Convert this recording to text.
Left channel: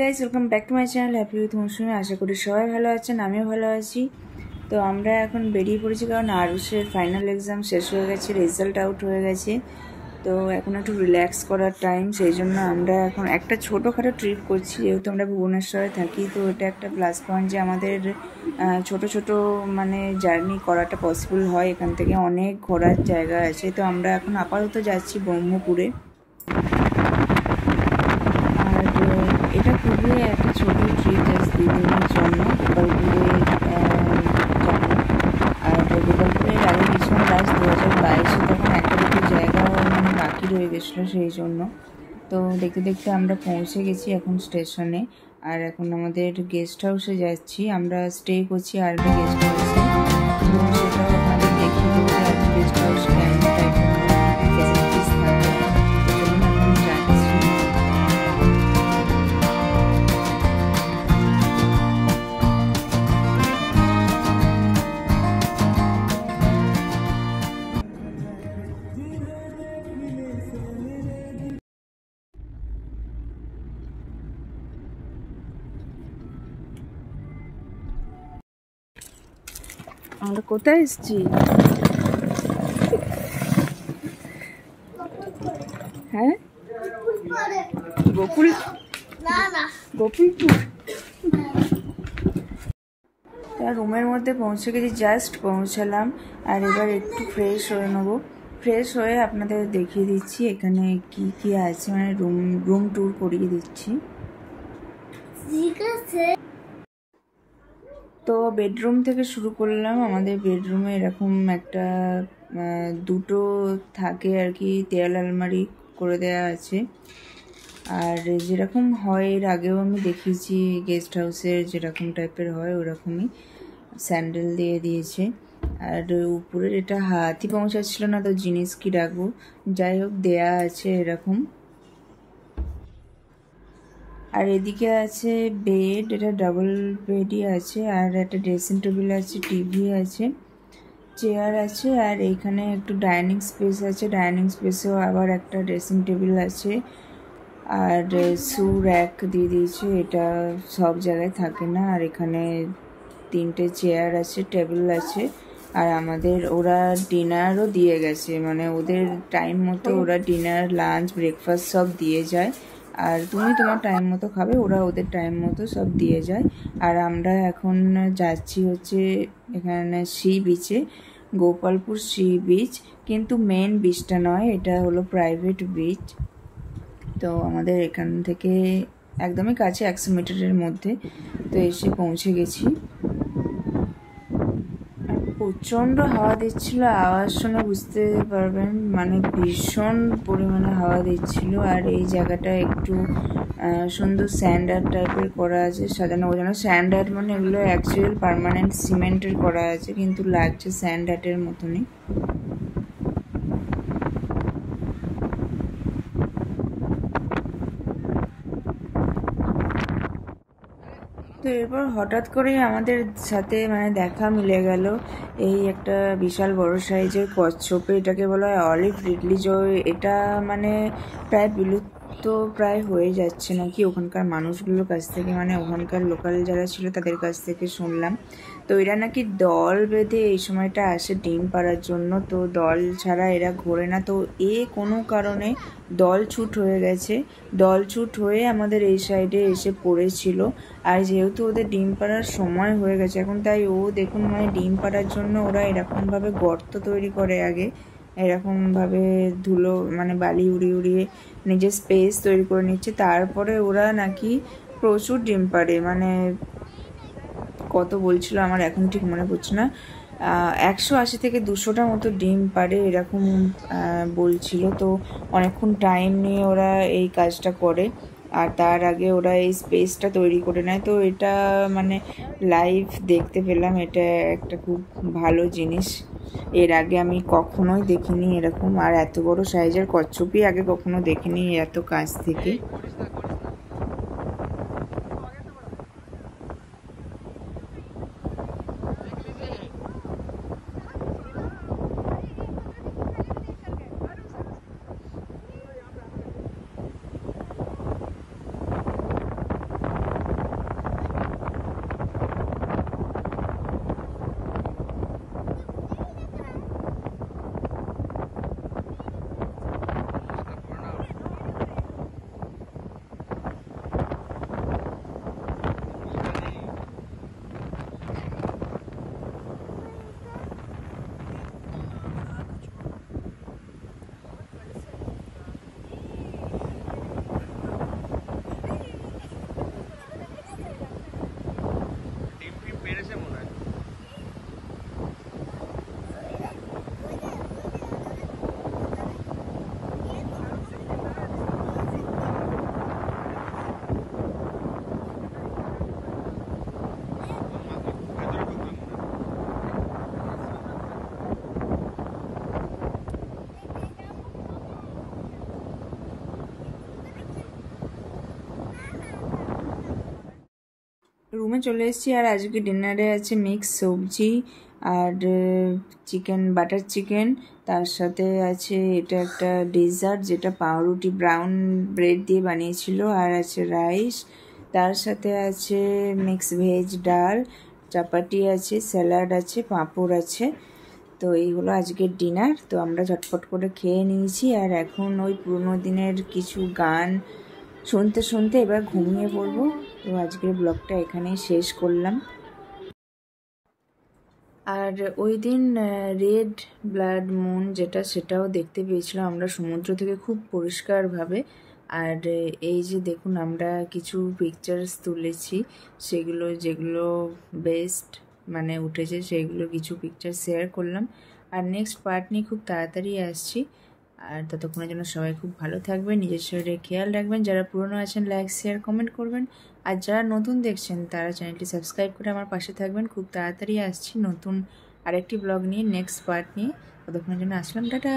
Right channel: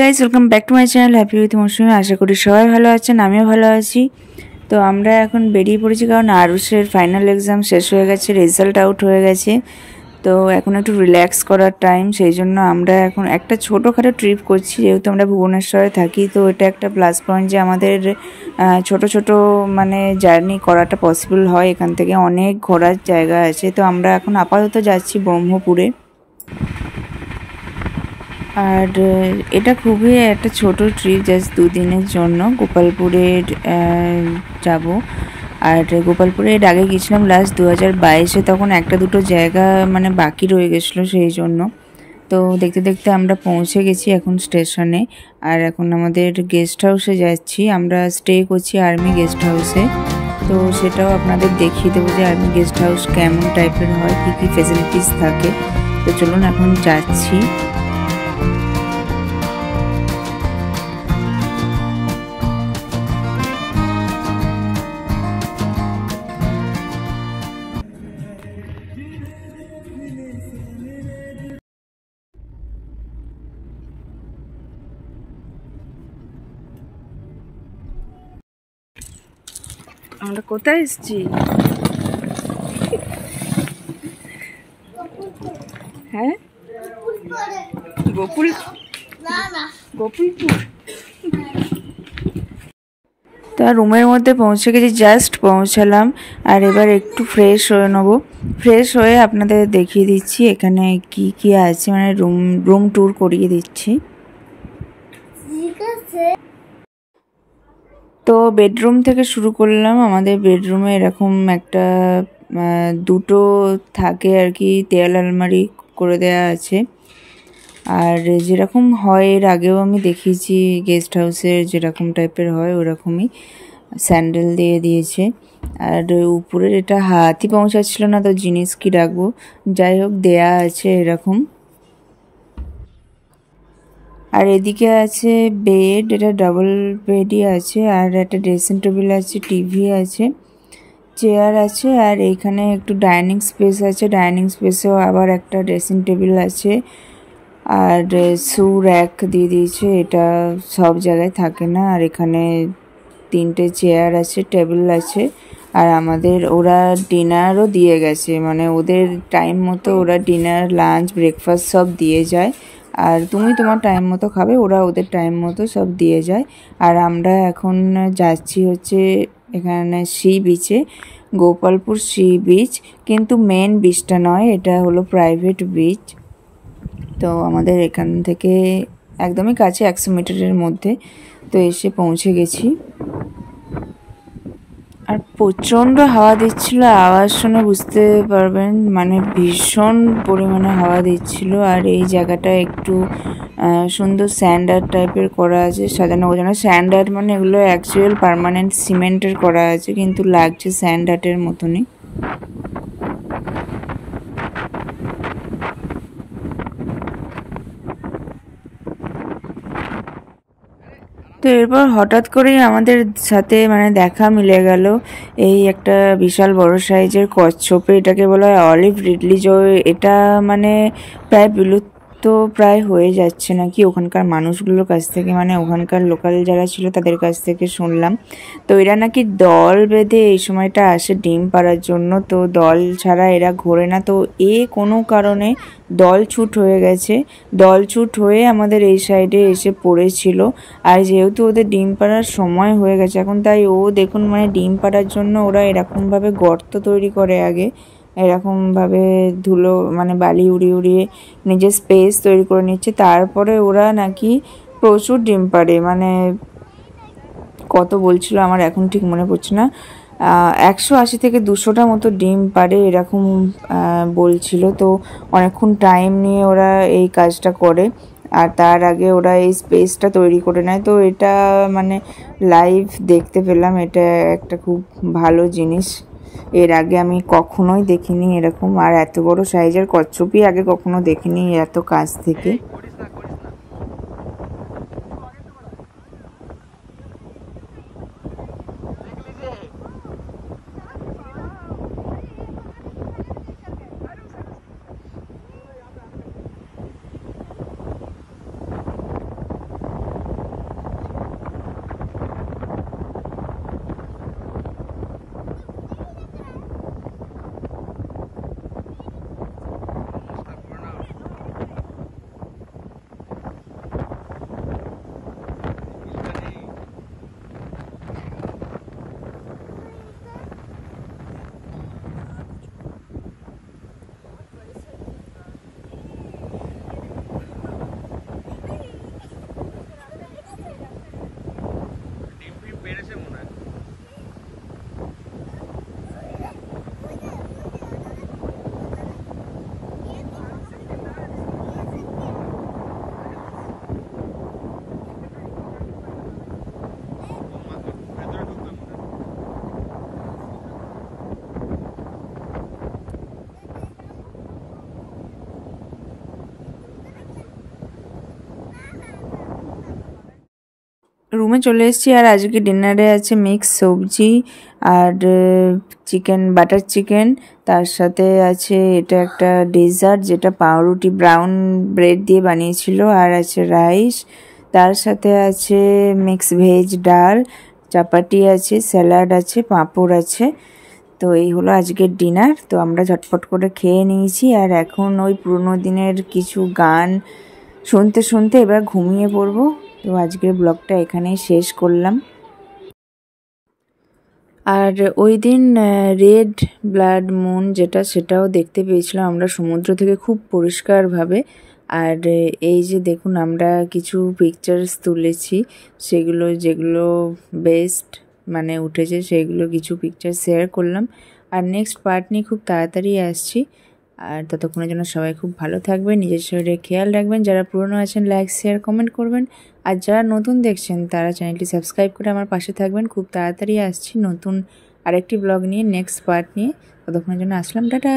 Guys, welcome back to my channel happy with Mousumi. আশা করি সবাই ভালো আছেন, আমিও ভালো আছি। তো আমরা এখন বেরিয়ে পড়েছি, কারণ আরুষের ফাইনাল এক্সাম শেষ হয়ে গেছে, রেজাল্ট আউট হয়ে গেছে। তো এখন একটু রিল্যাক্স করার টাইম, সেই জন্য আমরা এখন একটা ছোটোখাটো ট্রিপ করছি। যেহেতু আমরা ভুবনেশ্বরে থাকি, তো এটা একটা প্লাস পয়েন্ট যে আমাদের ছোট ছোট মানে জার্নি করাটা পসিবল হয়। এখান থেকে অনেক ঘোরার জায়গা আছে। তো আমরা এখন আপাতত যাচ্ছি ব্রহ্মপুরে। আর এটা খুবই একটা ছোট ট্রিপ, জাস্ট 2 দিনের জন্য গোপালপুরে যাব। আর গোপালপুরে এর আগে গেছিলাম লাস্ট 2022-এ, তখন একটা দুটো জায়গা মানে বাকি রয়ে গেছিলো, সেই জন্য। তো দেখতে দেখতে আমরা পৌঁছে গেছি এখন স্টেশনে। আর এখন আমাদের গেস্ট হাউসে যাচ্ছি, আমরা স্টে করছি আর্মি গেস্ট হাউসে। তো সেটাও আপনাদের দেখিয়ে দেবো যে আর্মি গেস্ট হাউস কেমন টাইপের হয়, কী কী ফেসিলিটিস থাকে। তো চলুন এখন যাচ্ছি। আমরা কোথায় এসেছি? হ্যাঁ, গোকুলপুর। তো রুমের মধ্যে পৌঁছে গেছি, জাস্ট পৌঁছালাম। আর এবার একটু ফ্রেশ হয়ে নেবো। ফ্রেশ হয়ে আপনাদের দেখিয়ে দিচ্ছি এখানে কি কি আছে, মানে রুম ট্যুর করিয়ে দিচ্ছি। তো বেডরুম থেকে শুরু করলাম। আমাদের বেডরুমে এরকম একটা দুটো থাকে আর কি, দেয়াল আলমারি করে দেয়া আছে। আর যেরকম হয় এর আগেও আমি দেখিয়েছি গেস্ট হাউসের যেরকম টাইপের হয় ওরকমই স্যান্ডেল দিয়ে দিয়েছে। আর উপরের এটা হাতই পৌঁছাচ্ছিল না, তো জিনিস কি রাখবো, যাই হোক দেয়া আছে এরকম। আর এদিকে আছে বেড, এটা ডাবল বেডই আছে। আর একটা ড্রেসিং টেবিল আছে, টিভি আছে, চেয়ার আছে। আর এইখানে একটু ডাইনিং স্পেস আছে, ডাইনিং স্পেসেও আবার একটা ড্রেসিং টেবিল আছে। আর শু র্যাক দিয়ে দিয়েছে, এটা সব জায়গায় থাকে না। আর এখানে 3টে চেয়ার আছে, টেবিল আছে। আর আমাদের ওরা ডিনারও দিয়ে গেছে, মানে ওদের টাইম মতো ওরা ডিনার, লাঞ্চ, ব্রেকফাস্ট সব দিয়ে যায়। আর তুমি তোমার টাইম মতো খাবে, ওরা ওদের টাইম মতো সব দিয়ে যায়। আর আমরা এখন যাচ্ছি হচ্ছে এখানে সি বিচে, গোপালপুর সি বিচ। কিন্তু মেন বিচটা নয়, এটা হলো প্রাইভেট বিচ। তো আমাদের এখান থেকে একদমই কাছে, 100 মিটারের মধ্যে। তো এসে পৌঁছে গেছি। আর প্রচণ্ড হাওয়া দিচ্ছিল, আওয়াজ শুনে বুঝতে পারবেন, মানে ভীষণ পরিমাণে হাওয়া দিচ্ছিল। আর এই জায়গাটা একটু সুন্দর স্যান্ড আর্ট টাইপের করা আছে, সাজানো গোছানো। স্যান্ড আর্ট মানে এগুলো অ্যাকচুয়াল পার্মানেন্ট সিমেন্টের করা আছে, কিন্তু লাগছে স্যান্ড আর্টের মতনই। তো এরপর হঠাৎ করেই আমাদের সাথে মানে দেখা মিলে গেল এই একটা বিশাল বড় সাইজের কচ্ছপে। এটাকে বলা হয় অলিভ রিডলি জয়। এটা মানে প্রায় বিলুপ্ত প্রায় হয়ে যাচ্ছে নাকি ওখানকার মানুষগুলোর কাছ থেকে, মানে ওখানকার লোকাল যারা ছিল তাদের কাছ থেকে শুনলাম। তো এরা নাকি দল বেঁধে এই সময়টা আসে ডিম পাড়ার জন্য। তো দল ছাড়া এরা ঘোরে না। তো কোনো কারণে দলছুট হয়ে গেছে, দলছুট হয়ে আমাদের এই সাইডে এসে পড়েছিল। আর যেহেতু ওদের ডিম পাড়ার সময় হয়ে গেছে এখন, তাই দেখুন মানে ডিম পাড়ার জন্য ওরা এরকমভাবে গর্ত তৈরি করে, আগে এরকমভাবে ধুলো মানে বালি উড়িয়ে উড়িয়ে নিজের স্পেস তৈরি করে নিচ্ছে। তারপরে ওরা নাকি প্রচুর ডিম পাড়ে, মানে কত বলছিল আমার এখন ঠিক মনে পড়ছে না, 180 থেকে 200টা মতো ডিম পাড়ে এরকম বলছিল। তো অনেকক্ষণ টাইম নিয়ে ওরা এই কাজটা করে। আর তার আগে ওরা এই স্পেসটা তৈরি করে নেয়। তো এটা মানে লাইভ দেখতে পেলাম, এটা একটা খুব ভালো জিনিস। এর আগে আমি কখনোই দেখিনি এরকম। আর এত বড় সাইজের কচ্ছপই আগে কখনো দেখিনি এত কাছ থেকে। রুমে চলে এসেছি। আর আজকে ডিনারে আছে মিক্স সবজি আর চিকেন, বাটার চিকেন। তার সাথে আছে এটা একটা ডেজার্ট, যেটা পাউরুটি ব্রাউন ব্রেড দিয়ে বানিয়েছিল। আর আছে রাইস, তার সাথে আছে মিক্স ভেজ ডাল, চাপাটি আছে, স্যালাড আছে, পাঁপড় আছে। তো এই হলো আজকের ডিনার। তো আমরা ঝটপট করে খেয়ে নিয়েছি। আর এখন ওই পুরোনো দিনের কিছু গান শুনতে শুনতে এবার ঘুমিয়ে পড়বো। তো আজকের ব্লগটা এখানেই শেষ করলাম। আর ওই দিন রেড ব্লাড মুন যেটা, সেটাও দেখতে পেয়েছিলাম আমরা সমুদ্র থেকে খুব পরিষ্কারভাবে। আর এই যে দেখুন, আমরা কিছু পিকচার্স তুলেছি, সেগুলো যেগুলো বেস্ট মানে উঠেছে সেগুলো কিছু পিকচার শেয়ার করলাম। আর নেক্সট পার্ট নিয়ে খুব তাড়াতাড়ি আসছি। আর ততক্ষণের জন্য সবাই খুব ভালো থাকবেন, নিজের শরীরে খেয়াল রাখবেন। যারা পুরনো আছেন লাইক শেয়ার কমেন্ট করবেন। আর যারা নতুন দেখছেন তারা চ্যানেলটি সাবস্ক্রাইব করে আমার পাশে থাকবেন। খুব তাড়াতাড়ি আসছি নতুন আরেকটি ব্লগ নিয়ে, নেক্সট পার্ট নিয়ে। ততক্ষণের জন্য আসলাম, টাটা।